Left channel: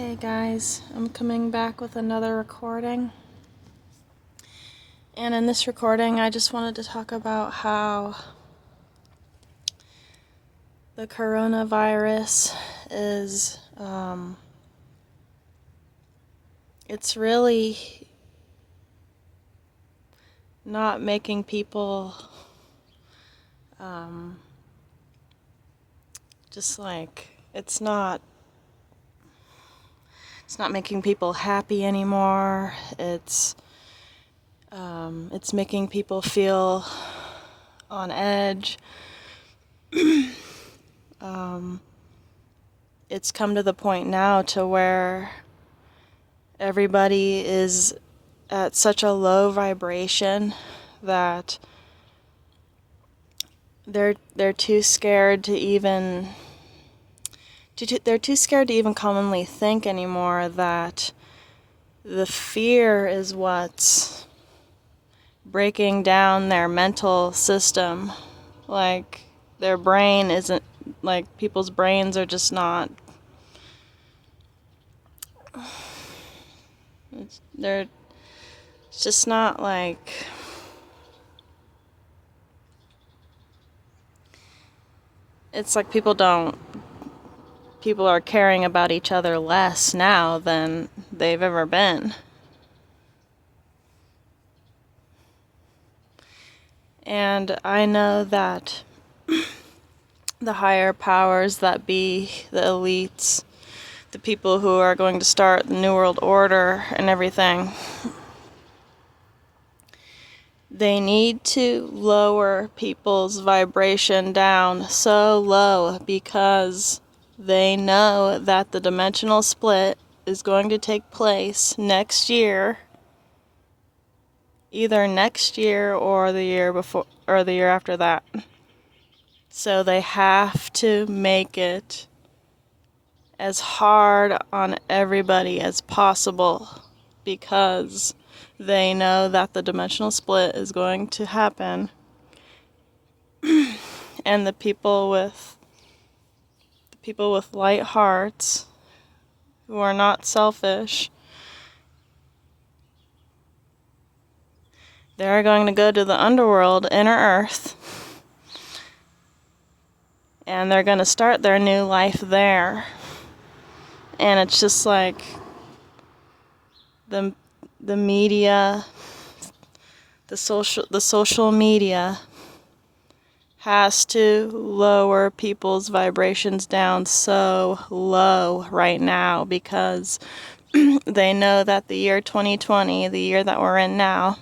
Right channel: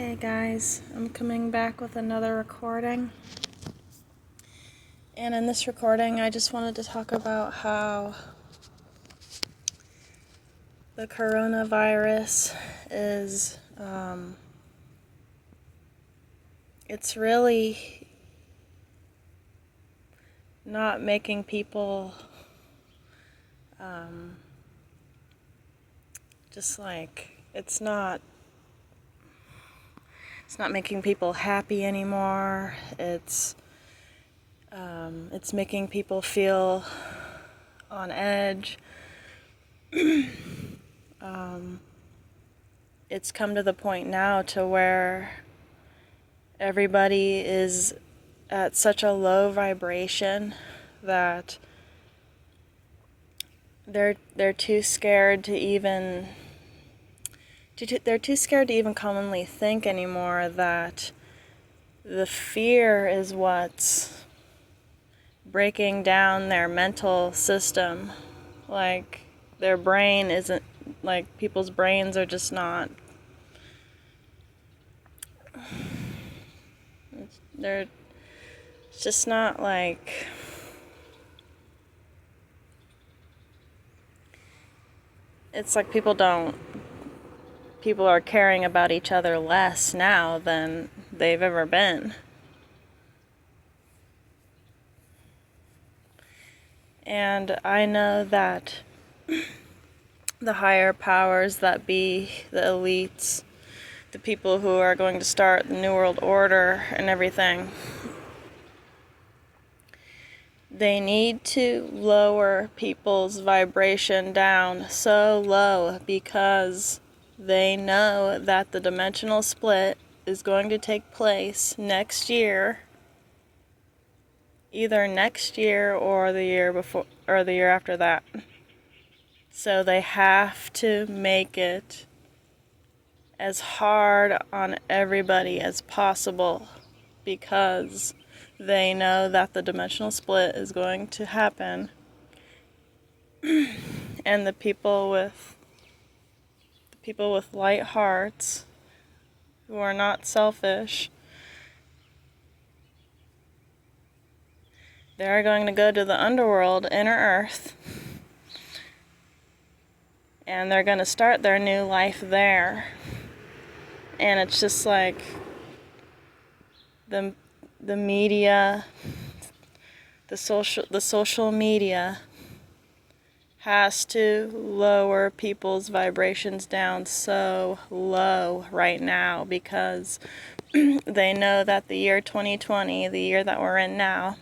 Hey guys, I'm coming back with another recording. And in this recording, I just wanted to talk about how the coronavirus is, it's really not making people, it's not making people happy anymore. It's making people feel on edge. It's come to the point now to where everybody is at such a low vibration that they're too scared to even commonly think anymore, that the fear is what's breaking down their mental system. Like, their brain isn't, like, people's brains are just not, it's just not like, it's like people are caring about each other less now than they've ever been. And I know that the higher powers that be, the elites, the people who are going to start the New World Order and everything, they need to lower people's vibration down so low, because they know that the dimensional split is going to take place next year, either next year or the year before, or the year after that. So they have to make it as hard on everybody as possible, because they know that the dimensional split is going to happen. And the people with light hearts, who are not selfish, they're going to go to the underworld, inner earth, and they're going to start their new life there. And it's just like the media, the social media has to lower people's vibrations down so low right now, because they know that the year 2020, the year that we're in now,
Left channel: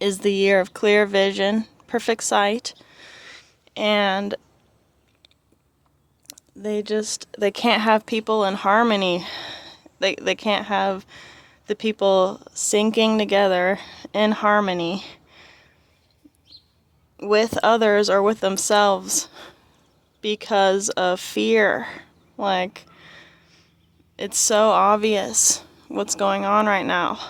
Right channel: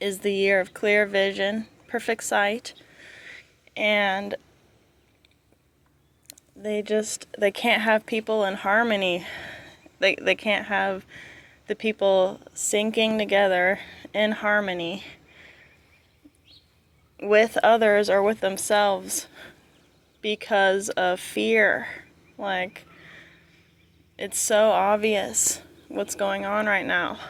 is the year of clear vision, perfect sight, and they can't have people in harmony. They can't have the people syncing together in harmony with others or with themselves because of fear. Like, it's so obvious what's going on right now,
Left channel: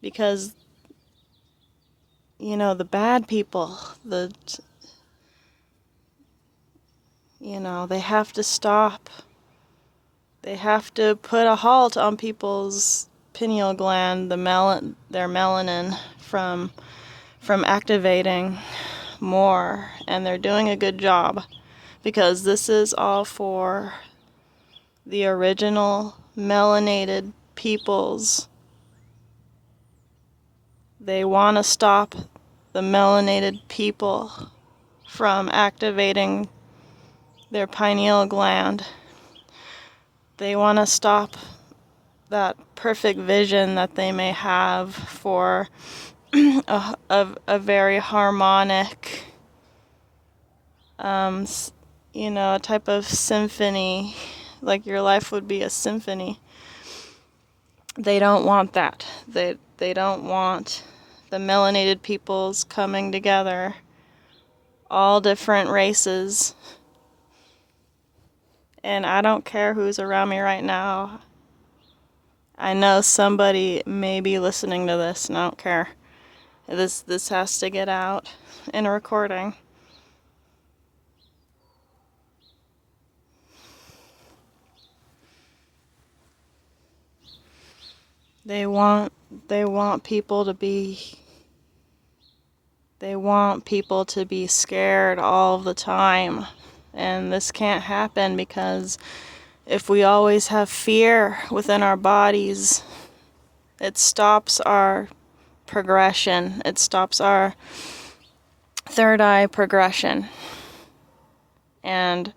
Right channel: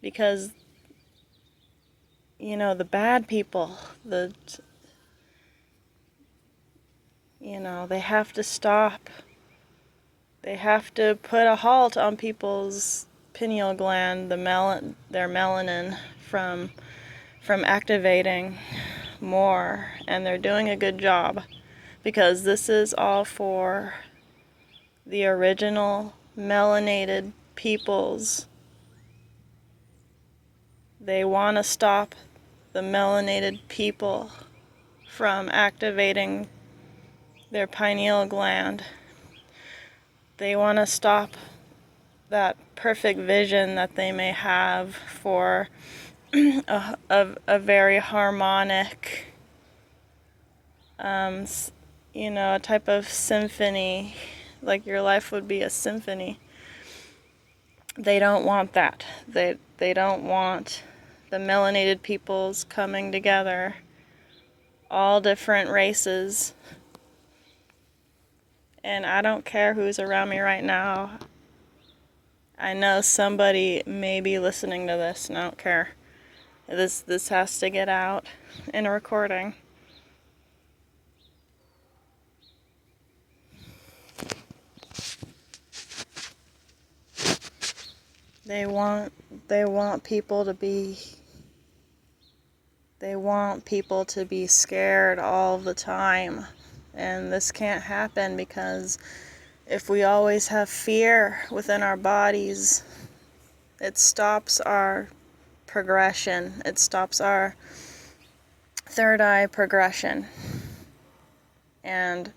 because, the bad people, they have to stop. They have to put a halt on people's pineal gland, their melanin, from activating more, and they're doing a good job, because this is all for the original melanated peoples. They want to stop the melanated people from activating their pineal gland. They want to stop that perfect vision that they may have for a very harmonic, a type of symphony, like your life would be a symphony. They don't want that. They don't want the melanated peoples coming together, all different races. And I don't care who's around me right now. I know somebody may be listening to this, and I don't care. This has to get out in a recording. They want people to be scared all the time. And this can't happen, because if we always have fear within our bodies, it stops our progression. It stops our third eye progression. And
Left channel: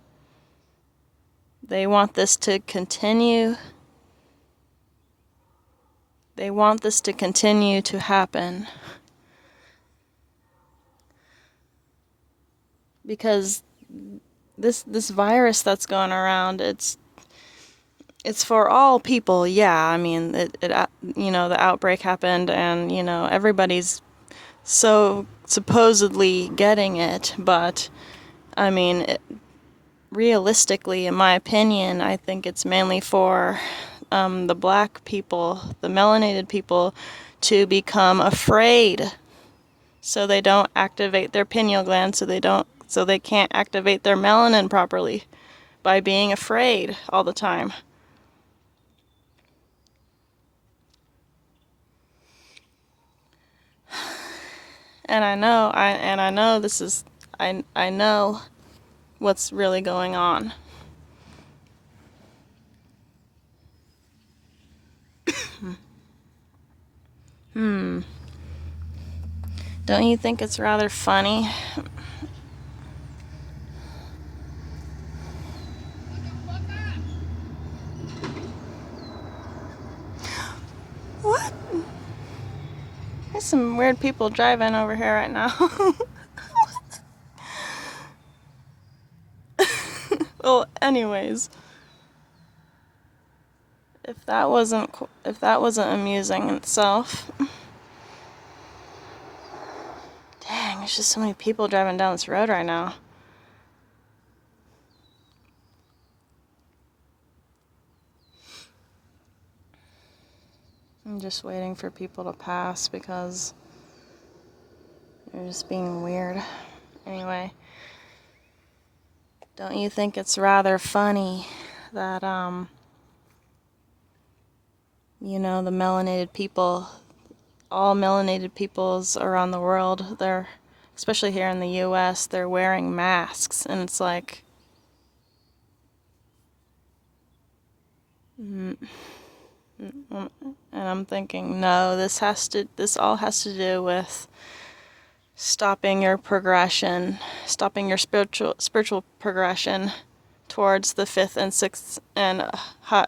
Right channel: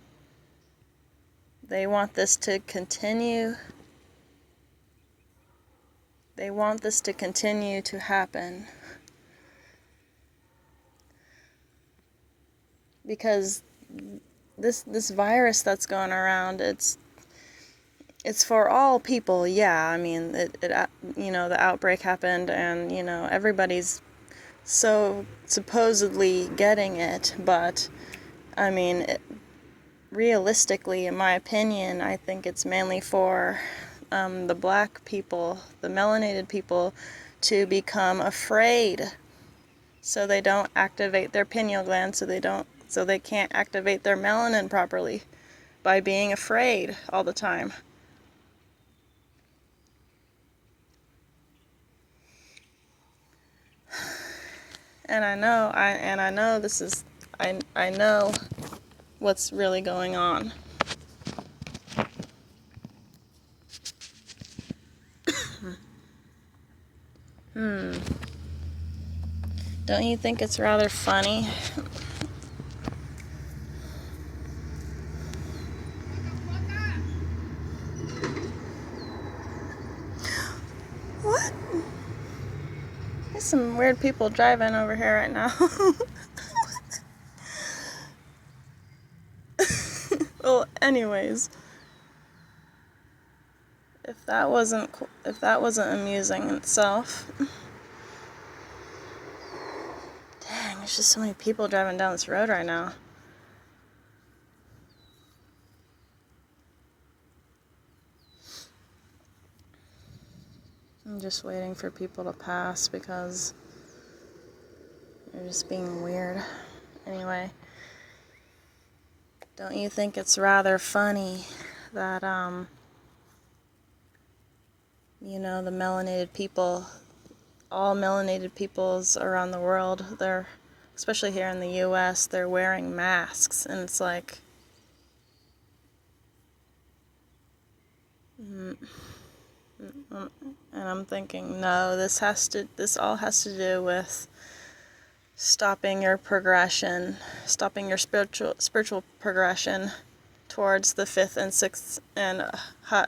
they want this to continue. They want this to continue to happen. Because this virus that's going around, it's for all people. Yeah, I mean, the outbreak happened, and everybody's so supposedly getting it, but I mean, realistically, in my opinion, I think it's mainly for the black people, the melanated people, to become afraid, so they don't activate their pineal gland, so they can't activate their melanin properly by being afraid all the time. And I know this is, I know what's really going on. Don't you think it's rather funny? What? There's some weird people driving over here right now. Well, anyways, if that wasn't amusing in itself. Dang, there's just so many people driving down this road right now. I'm just waiting for people to pass because they're just being weird. Anyway, don't you think it's rather funny that, the melanated people, all melanated peoples around the world, especially here in the US, they're wearing masks, and it's like, and I'm thinking, no, this all has to do with stopping your progression, stopping your spiritual progression towards the fifth and sixth and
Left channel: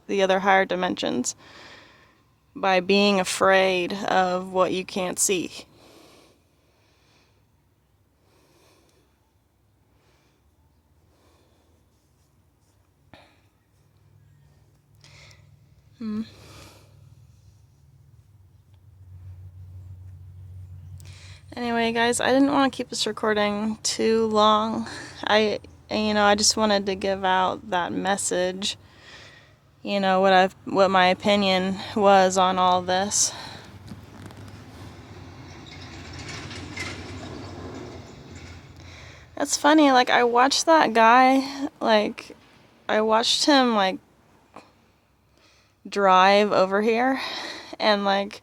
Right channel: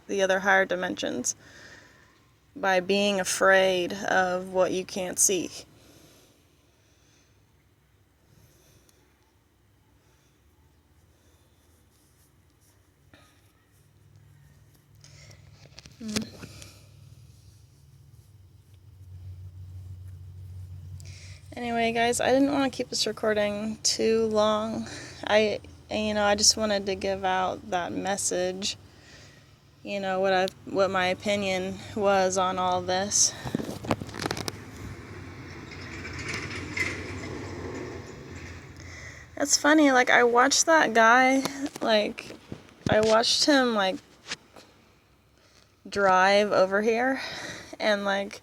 the other higher dimensions, by being afraid of what you can't see. Anyway, guys, I didn't want to keep this recording too long. I just wanted to give out that message. What my opinion was on all this. It's funny, I watched that guy, I watched him, drive over here, and,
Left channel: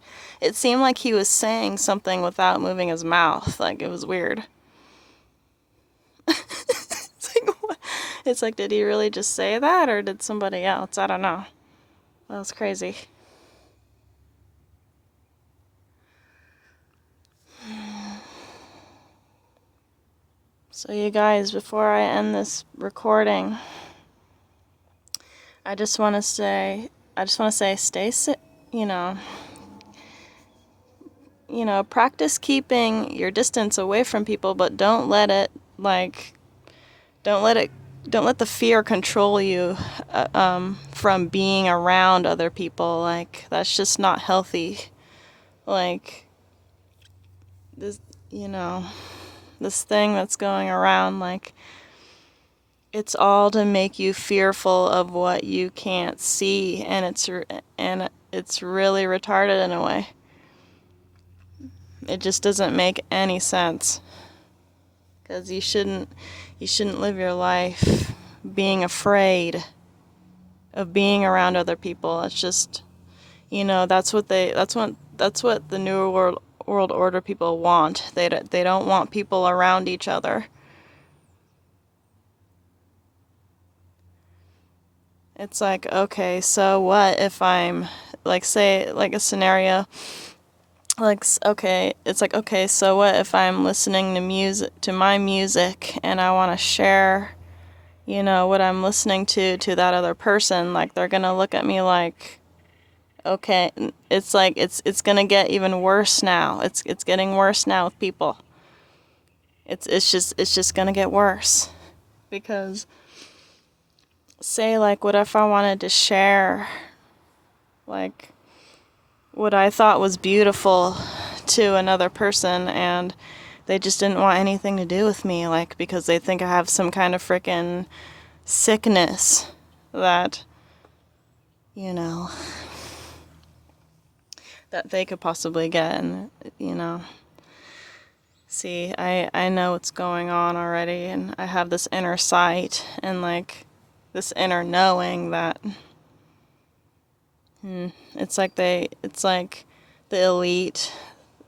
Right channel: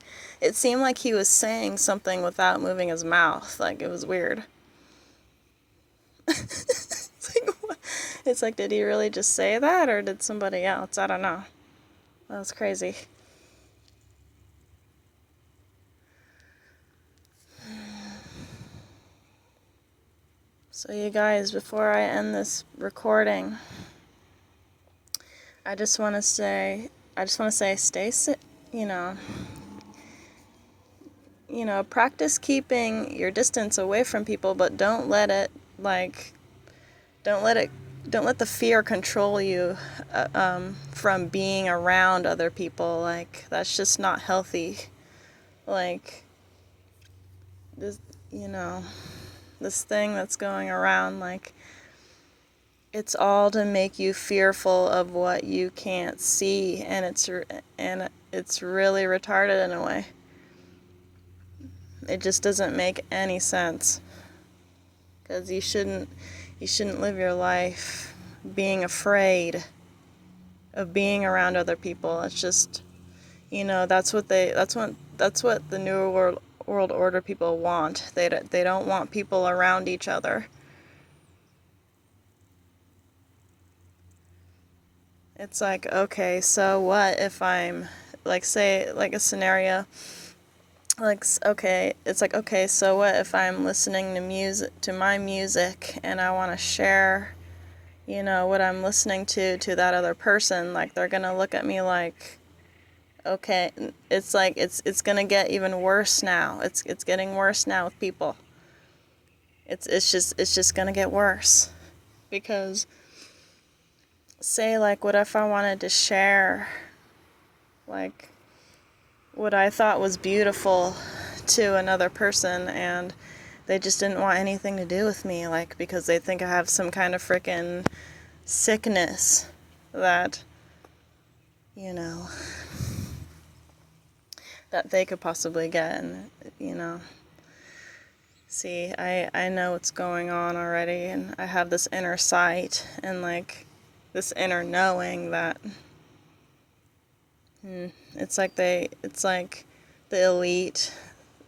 it seemed like he was saying something without moving his mouth. It was weird. It's like, did he really just say that, or did somebody else? I don't know. That was crazy. So you guys, before I end this recording, I just want to say, stay safe, practice keeping your distance away from people, but don't let the fear control you from being around other people. That's just not healthy. This thing that's going around, it's all to make you fearful of what you can't see, and it's really retarded in a way. It just doesn't make any sense, because you shouldn't live your life being afraid of being around other people. It's just, that's what the new world order people want. They don't want people around each other. It's like, okay, so what if I'm, like, say, like a scenario, like, okay, it's like, okay, so what if I'm listening to my music, and I want to share, what I'm listening to that other person. Like, they're gonna look at me like, okay, it's like, it's gonna get even worse now. It's getting worse now with people. It's just gonna get worse. Because, say, like, what if I wanted to share, like, what I thought was beautiful to another person, and they just didn't want anything to do with me, like, because they think I have some kind of frickin' sickness that, that they could possibly get, and, see, I know what's going on already, and I have this inner sight, and, like, this inner knowing that, it's like the elite,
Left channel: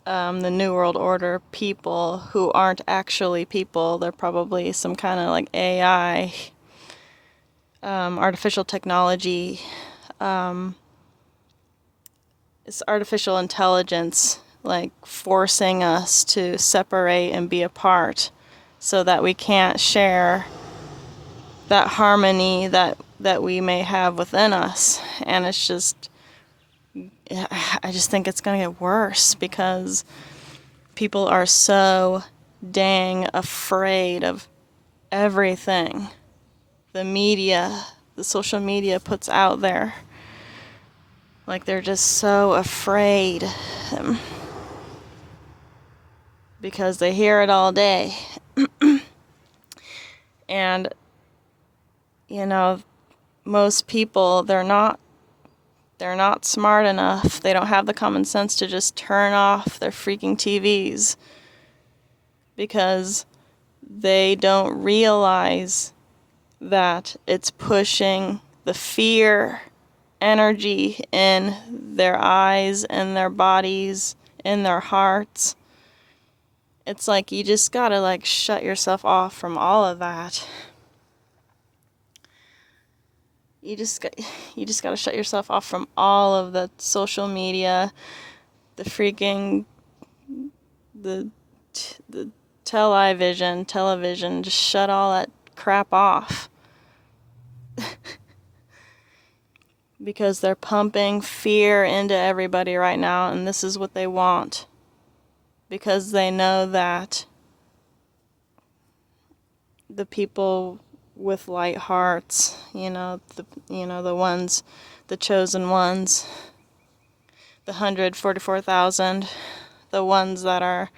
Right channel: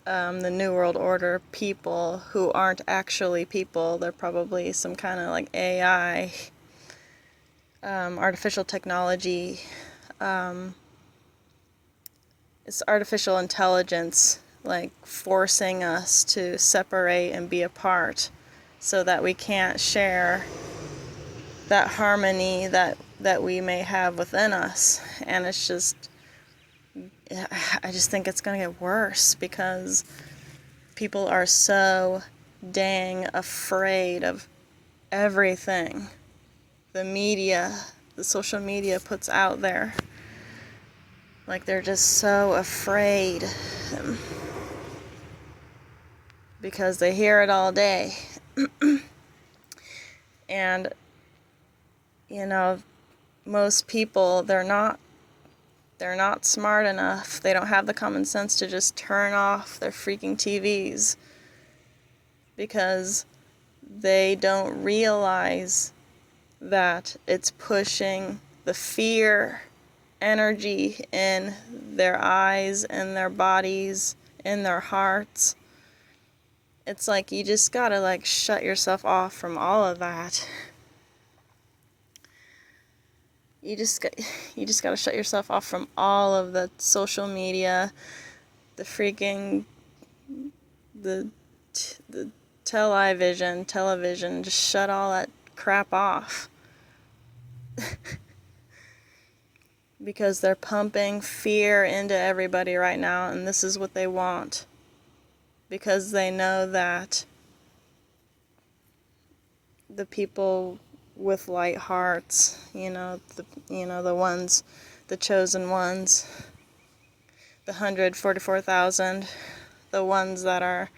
the New World Order people who aren't actually people. They're probably some kind of, like, AI, artificial technology, it's artificial intelligence, like, forcing us to separate and be apart so that we can't share that harmony that we may have within us. And it's just, I just think it's going to get worse because people are so dang afraid of everything the social media puts out there. Like, they're just so afraid because they hear it all day. And, most people, they're not smart enough. They don't have the common sense to just turn off their freaking TVs because they don't realize that it's pushing the fear energy in their eyes, in their bodies, in their hearts. It's like you just gotta, like, shut yourself off from all of that. You just gotta shut yourself off from all of the social media, the freaking, the television. Just shut all that crap off. Because they're pumping fear into everybody right now, and this is what they want. Because they know that the people with light hearts, the ones, the chosen ones, the 144,000, the ones that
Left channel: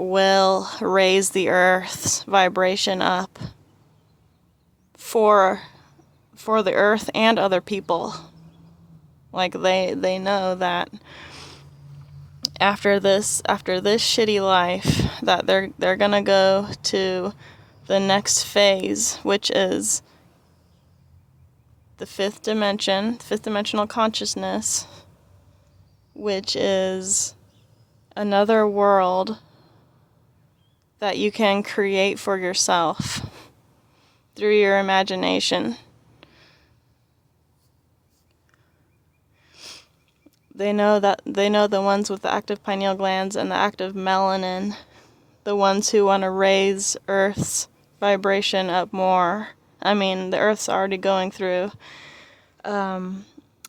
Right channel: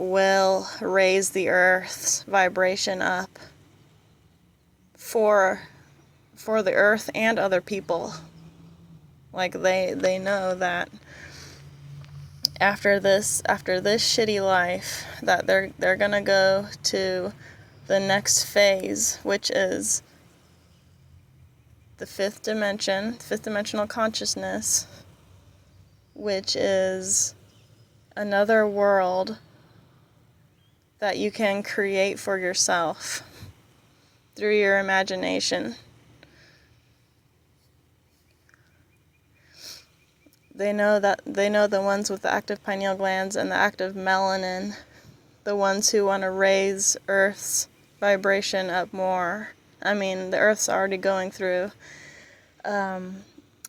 will raise the Earth's vibration up for the Earth and other people. Like, they know that after this shitty life, that they're gonna go to the next phase, which is the fifth dimensional consciousness, which is another world that you can create for yourself through your imagination. They know the ones with the active pineal glands and the active melanin, the ones who want to raise Earth's vibration up more. I mean, the Earth's already going through, the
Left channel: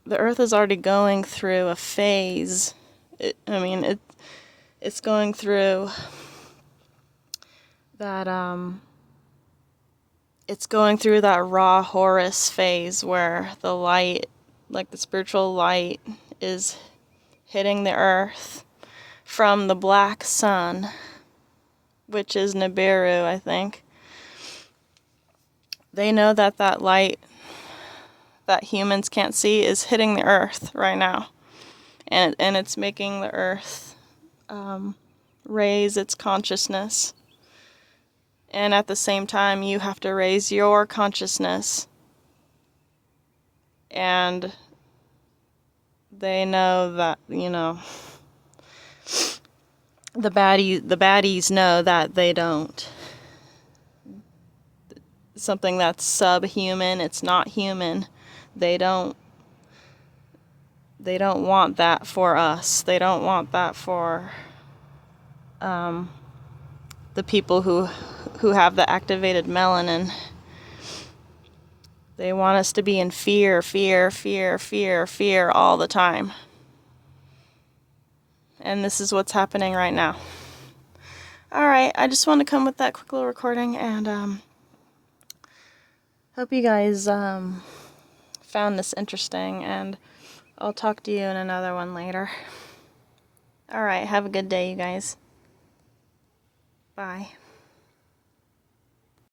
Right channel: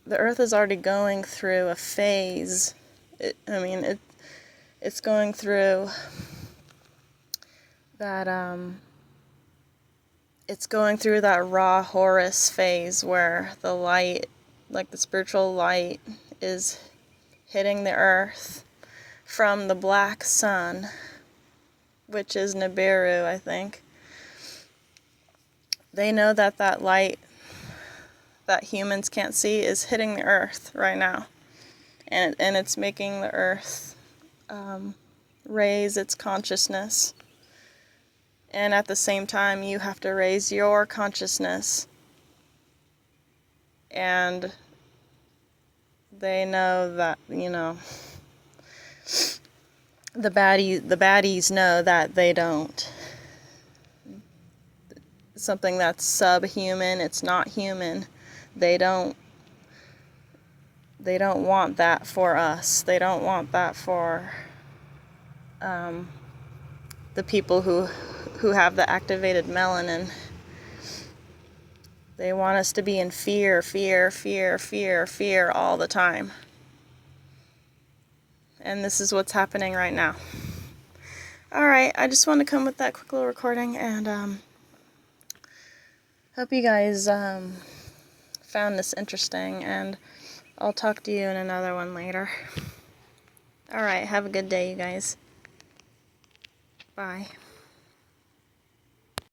Earth is already going through a phase. It's going through that, it's going through that raw Horus phase where the light, like the spiritual light, is hitting the Earth from the black sun, which is Nibiru, I think. They know that light that humans can't see is hitting the Earth right now, and it's making the Earth raise its consciousness. And at the same time, you have to raise your consciousness and They know that, you know, the baddies know that they don't. Something that's subhuman, it's not human. They don't want that for us. They don't want that for the people who have the activated melanin. They want us to be in fear, fear, fear, fear, fear all the time. And this is what's happening right now. Alright, I just want to come with that quick little recording, and hope you guys found this interesting, and I'll talk to you in another one later. Alright, have a good day, you guys. Bye.